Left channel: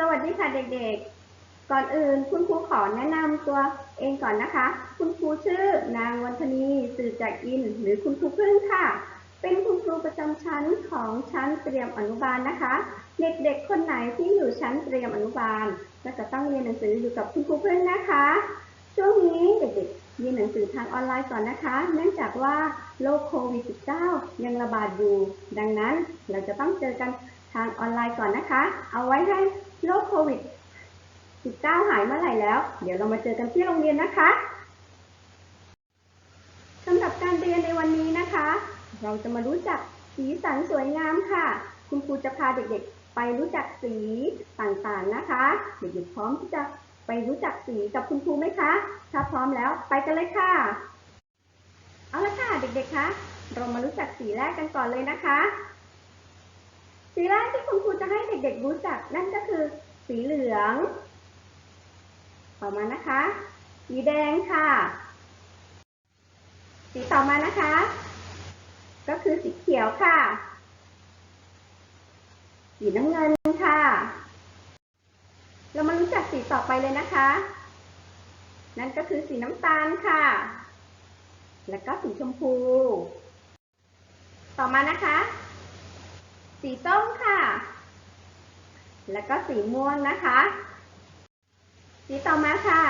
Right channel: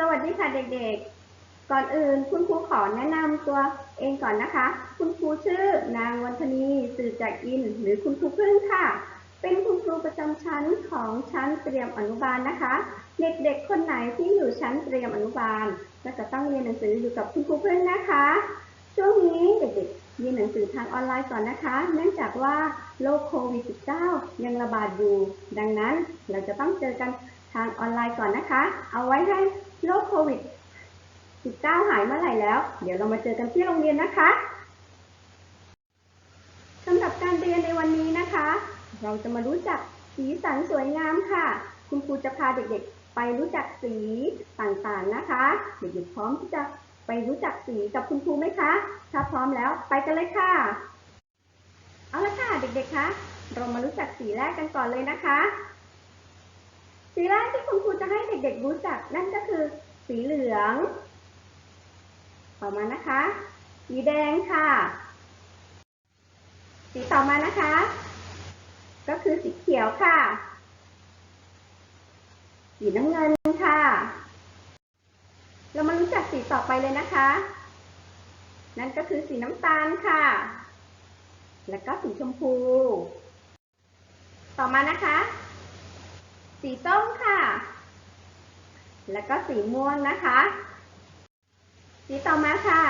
สวัสดีค่ะเด็กๆ ก่อนอื่นคุณครูขอแนะนำตัวเองก่อนนะคะ คุณครูชื่อนางวันธนีสื่อจากอิน หรือคุณครูพึ่งค่ะ เป็นคุณครูประจำชั้นของชั้นเตรียมอนุบาลนะคะ เด็กๆ คนไหนที่อยู่ชั้นเตรียมอนุบาลก็จะต้องเรียนหนังสืออยู่กับคุณครูพึ่งนะคะ ช่วงนี้เด็กๆเรียนหนังสือทางออนไลน์ก่อนนะคะ เนื่องจากว่าโรคโควิด -19 ยังระบาดอยู่ ดังนั้นเราจะต้องเจอกันทางออนไลน์ก่อนนะคะ เอาไว้ให้ โรคโควิด 19 หายเมื่อไหร่แล้ว เดี๋ยวเรามาเจอกันที่โรงเรียนนะคะสำหรับการเรียนในวันนี้นะคะ เราจะมารู้จักสีสันสวยงามค่ะ คุณครูจะพาเด็กๆ ไปรู้จักสีต่างๆนะคะ เด็กๆพร้อมที่จะไปรู้จักสีกับคุณครูไหมคะ ถ้าพร้อมแล้วไปกันเลยค่ะ เอาละค่ะเด็กๆคะ เรามารู้จักสีแรกกันก่อนเลยนะคะ สีแรกที่คุณครูจะให้เด็กๆรู้จักนั่นก็คือ สีเหลือง ต่อมานะคะ สีแดงค่ะ สีต่อมานะคะ ก็คือสีเขียวค่ะ สีน้ำเงินค่ะ เรามารู้จักสีต่อไปเลยนะคะ นั่นก็คือสีน้ำตาลค่ะ แล้วก็สีชมพู ต่อมานะคะ สีส้มค่ะ แล้วก็สีม่วงนะคะ สีต่อมาค่ะ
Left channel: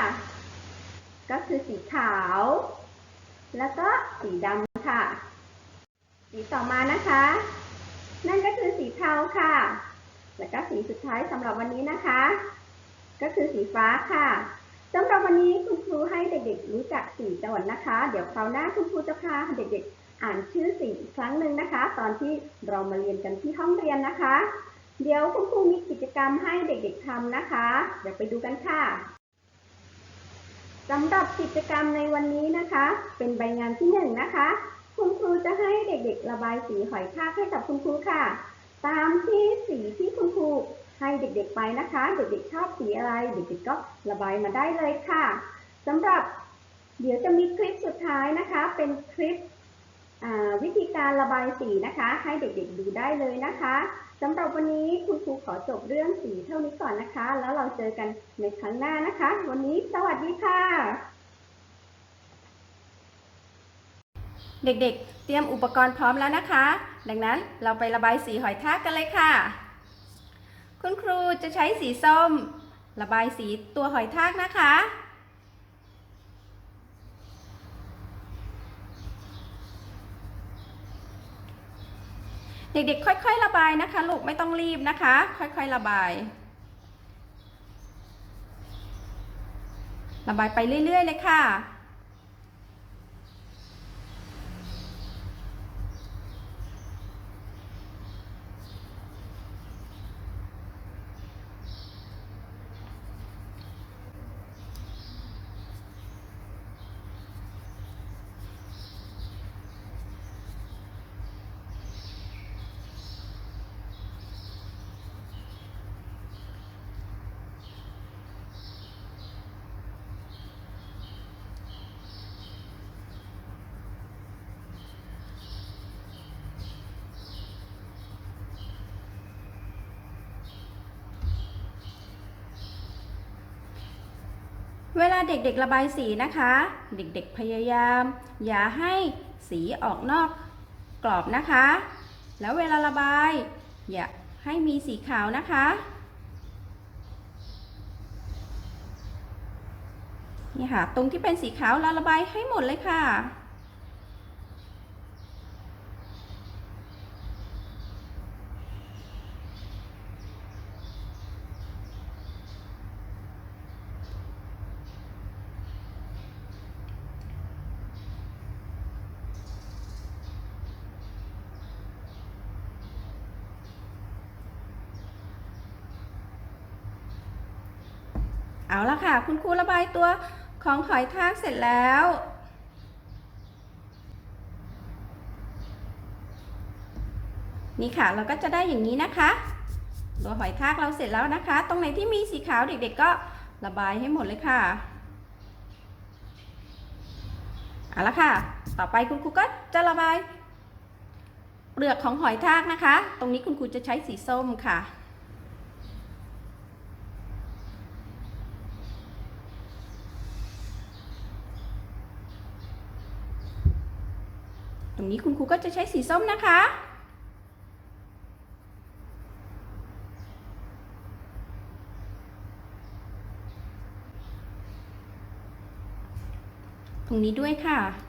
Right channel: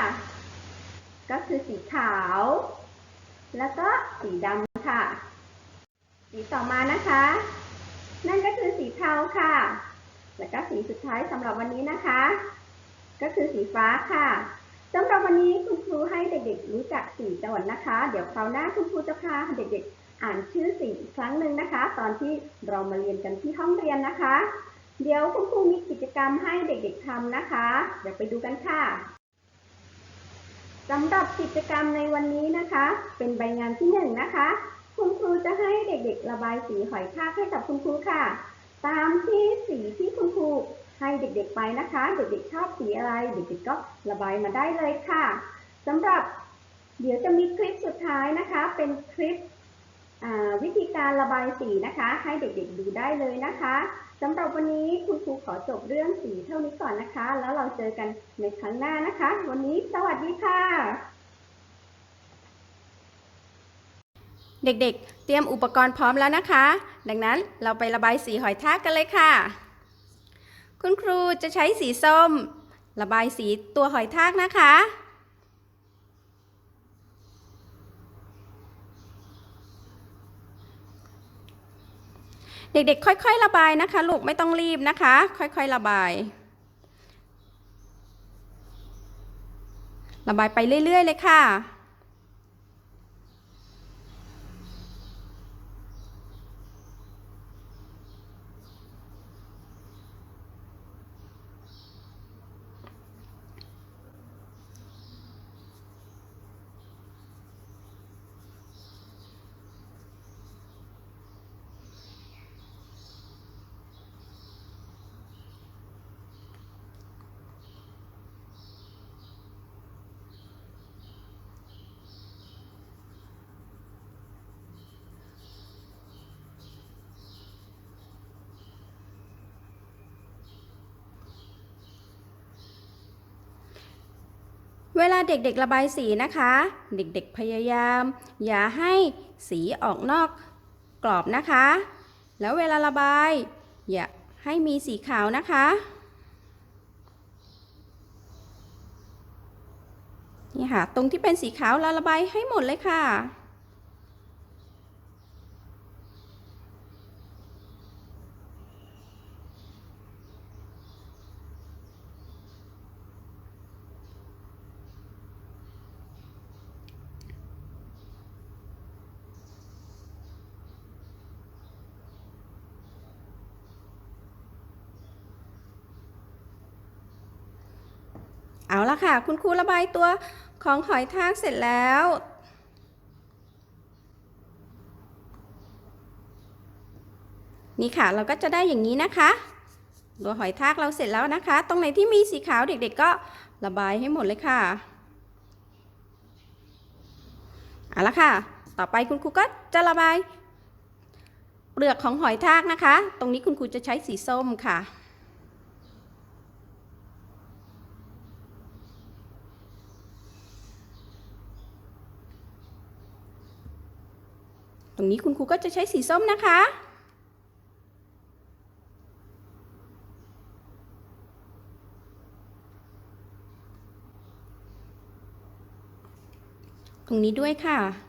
ก็คือสีขาว แล้วก็สีดำค่ะ สีต่อมานะคะ นั่นก็คือสีเทาค่ะ แล้วก็สีสุดท้ายสำหรับวันนี้นะคะ ก็คือสีฟ้าค่ะสำหรับวันนี้คุณครูให้เด็กๆรู้จักสีจังหวัดนะคะ เดี๋ยวคราวหน้าคุณครูจะพาเด็กๆ อ่านชื่อสีอีกครั้งหนึ่งนะคะ ตอนที่เรามาเรียนกันที่ห้องเรียนนะคะ เดี๋ยวคุณครูมีกิจกรรมให้เด็กๆทำนะคะ เดี๋ยวไปดูกันค่ะสำหรับกิจกรรมในวันนี้นะคะ เป็นใบงานที่หนึ่งนะคะ คุณครูจะให้เด็กๆ ระบายสีหอยทากให้กับคุณครูค่ะ ตามที่สีที่คุณครูให้เด็กๆไปนะคะ เด็กๆชอบสีอะไร เด็กๆก็ระบายมาได้เลยค่ะสำหรับเดี๋ยวจะมีคลิปสุดท้ายนะคะ เป็นคลิป วิธีการระบายสีนะคะ ให้เด็กๆดูได้เลยนะคะสำหรับวันนี้คุณครูขอจบเรื่องสีเท่านี้ก่อนนะคะ แล้วเราเจอกันในครั้งหน้านะคะ วันนี้สวัสดีค่ะ เด็กๆ เตรียมอุปกรณ์พร้อมแล้วนะคะ ดังนั้นเราไประบายสีหอยทากกันเลยค่ะ คุณครูจะใช้สีส้ม ระบายสีตัวหอยทากนะคะ เด็กๆ ค่อย ๆ ระบายนะคะ ลูกไม่ต้องรีบนะคะ ค่อย ๆ ระบาย ระบายไปเรื่อย ๆ เลยค่ะ เวลาเด็กๆระบายสีนะคะ เด็กๆพยายาม อย่าให้สีออกนอกกรอบนะคะ แล้วเวลาระบาย อย่าให้มีสีขาวนะคะ นี่ค่ะ ตรงที่เป็นสีขาวเราระบายให้หมดเลยค่ะ เอาละค่ะ คุณครูระบายตัวของหอยทากเสร็จแล้ว นี่ค่ะเราก็จะได้อย่างนี้นะคะ ตัวหอยทากเราเสร็จแล้วนะคะ ตรงไหนที่มีสีขาวเด็กๆก็ระบายให้หมดเลยค่ะเอาละค่ะ ต่อไปคุณครูก็จะระบาย เปลือกของหอยทากนะคะ ตรงนี้คุณครูจะใช้สีส้มค่ะ ตรงนี้คุณครูก็จะใช้สีส้มนะคะ ตรงนี้ด้วยค่ะ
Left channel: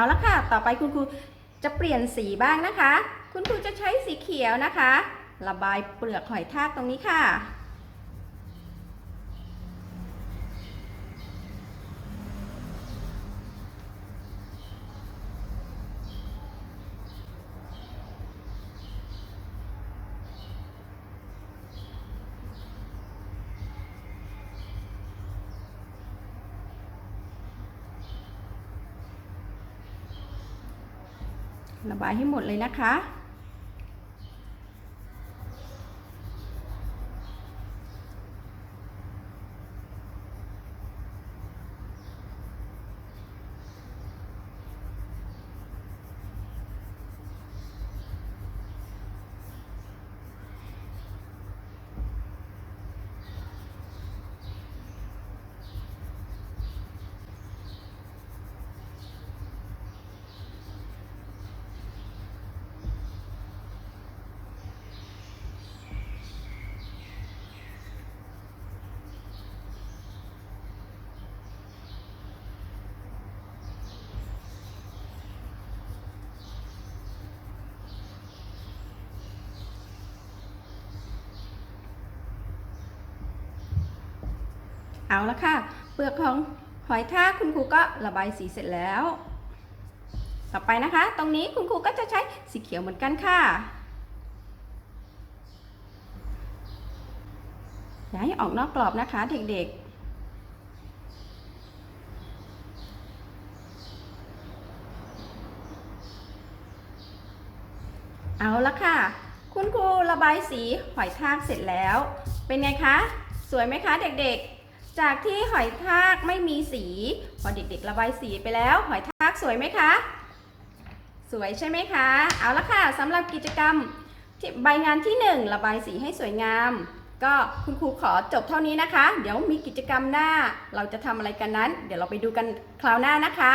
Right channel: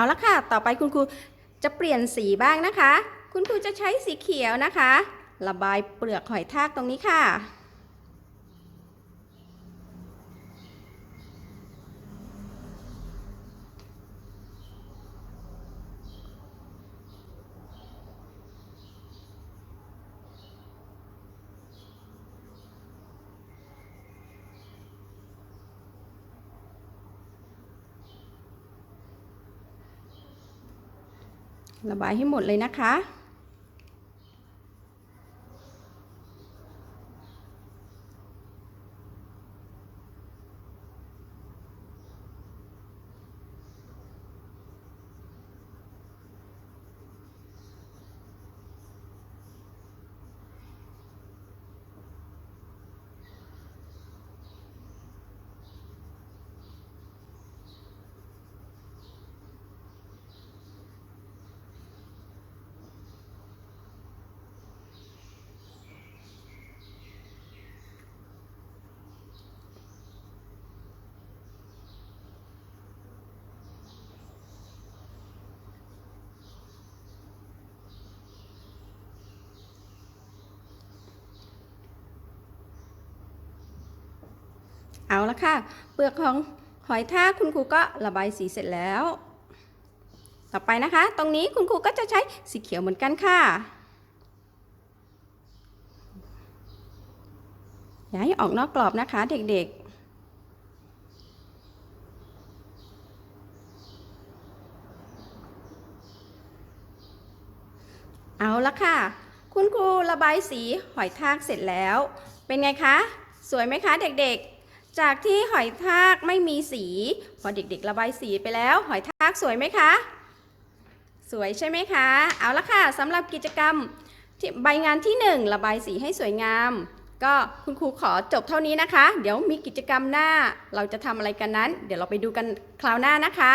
เอาละค่ะ ต่อไปคุณครูจะเปลี่ยนสีบ้างนะคะ คุณครูจะใช้สีเขียวนะคะ ระบายเปลือกหอยทากตรงนี้ค่ะ ระบายให้หมดเลยนะคะ เอาละค่ะ เปลือกของหอยทากคุณครูก็ระบายสีเสร็จแล้ว ต่อไปนะคะ ตรงนี้คุณครูก็จะใช้สีเขียวเหมือนกันค่ะอย่าให้ออกนอกกรอบนะคะเด็กๆเอาละค่ะ คุณครูระบายสีหอยทากเสร็จแล้ว เป็นไงคะ สวยไหมคะเด็กๆ จากที่หอยทากไม่มีสี พอเด็กๆ ระบายสีไปแล้ว หอยทากสวยไหมคะ สวยใช่ไหมคะ เอาละค่ะสำหรับกิจกรรมใบงานที่ 1 ระบายสีให้สวยงาม ก็คุณครูขอจบเท่านี้นะคะ เดี๋ยวมีกิจกรรมหน้าเราจะทำอะไรกันนั้น เดี๋ยวเราไปดูกันคราวหน้านะคะ